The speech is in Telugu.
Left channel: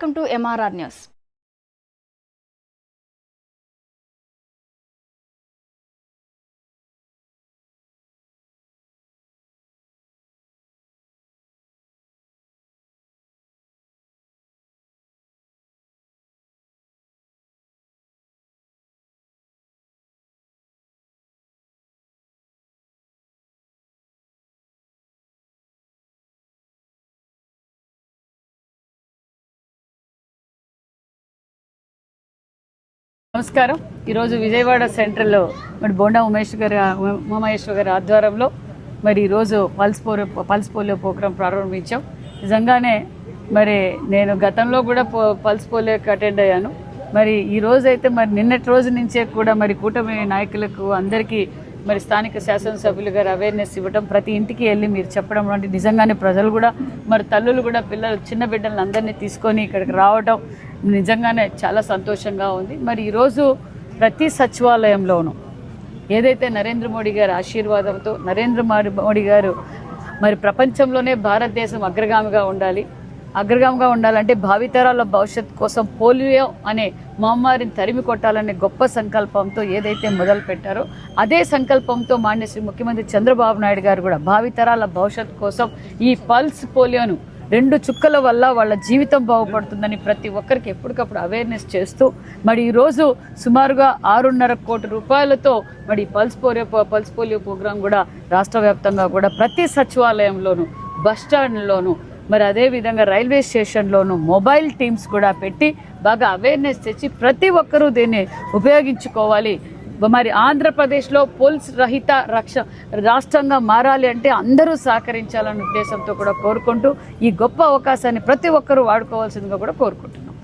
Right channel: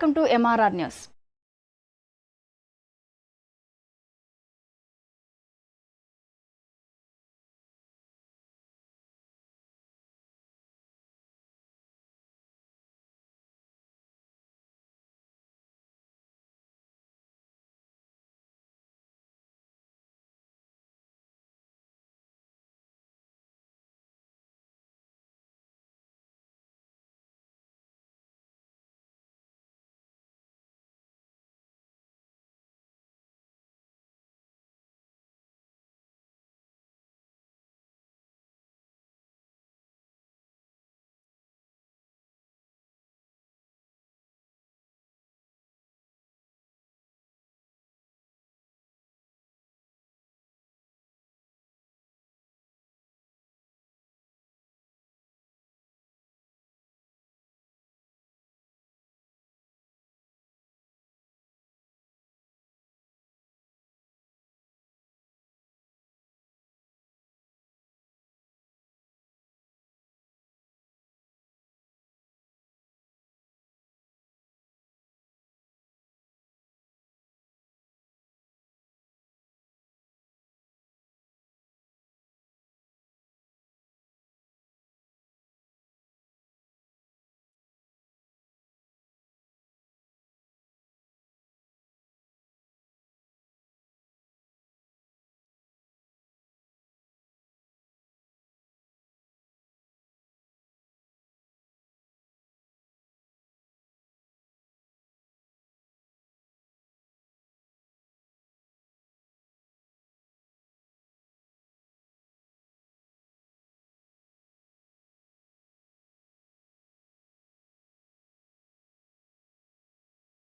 Welcome to MRR News. నమస్కారం. ఈరోజు విజయవాడ సెంట్రల్లో మరి బోండా ఉమామహేశ్వర్ గారి ఆధ్వర్యంలో మరి ఈరోజు పల్స్ పోలియో ప్రోగ్రాం ప్రారంభించాం. నిజంగానే మరి నేను గతంలో కూడా పల్స్ పోలియోకి అటెండ్ అయ్యాను. మరి ఈ రోజు అయితే మరి నిన్నటి రోజు నుంచే కూడా మరి కూటమి నాయకులకు అందరికీ మరి స్థానిక శాసనసభ్యులు గారు అవేర్నెస్ ఇవ్వడం, ప్రతి ఇంటికి వెళ్ళి మీరు చెప్పడం వంటి నిజంగానే ప్రజలు కూడా మరి తల్లులు కూడా పిల్లలు చిన్న బిడ్డలను అందరినీ తీసుకొని ఇక్కడికి రావడం నిజంగానే చాలా సంతోషంగా ఉంది. మరి ఈరోజు ప్రతి సచివాలయంలోనూ ఏదైతే నరేంద్ర మోడీ గారి ఆశీర్వాదంతో నరేంద్ర మోడీ గారు మరి ప్రపంచంలోనే భారతదేశం అగ్రగామిగా ఉండాలంటే భావితరాల భవిష్యత్తు కోసం పోలియో అనే మహమ్మారిని తరిమి కొట్టాలనే గొప్ప సంకల్పంతో ఏదైతే మొదలు పెట్టారో అదే సంకల్పంతో మాన్య శ్రీ ముఖ్యమంత్రి చంద్రబాబు నాయుడు గారు కూడా భావితరాల భవిష్యత్తు కోసం ఈ పల్స్ పోలియోను 2 చుక్కల వల్ల వాళ్ళ జీవితం బాగుపడుతుందని ప్రతి ఒక్కరికి ఎప్పటికప్పుడు అవేర్నెస్ చేస్తూ మరి ఈరోజు సుమారుగా 6.5 కోట్ల రూపాయలతో మరి పల్స్ పోలియో ప్రోగ్రాం కూడా రాష్ట్ర వ్యాప్తంగా కూడా ప్రతి సచివాలయంలోనూ బస్టాండ్లోనూ మరి అదేవిధంగా రైల్వే స్టేషన్లోనూ మొబైల్ టీమ్స్ కూడా పెట్టి బాగా అవేర్నెస్ తెచ్చి ప్రతి ఒక్కరూ దీన్ని ఉపయోగించుకోవాలి. మరి ఆంధ్రప్రదేశ్లో పోలీస్ రహిత రాష్ట్రంగా మారాలి అంటే అందరూ సహకరించాలనే ఉద్దేశంతో కూడా కోరుకుంటూ ఈ గొప్ప అవకాశాన్ని ప్రతి ఒక్కరూ వాడుకోవాల్సిందిగా కూడా కోరుకుంటున్నాం.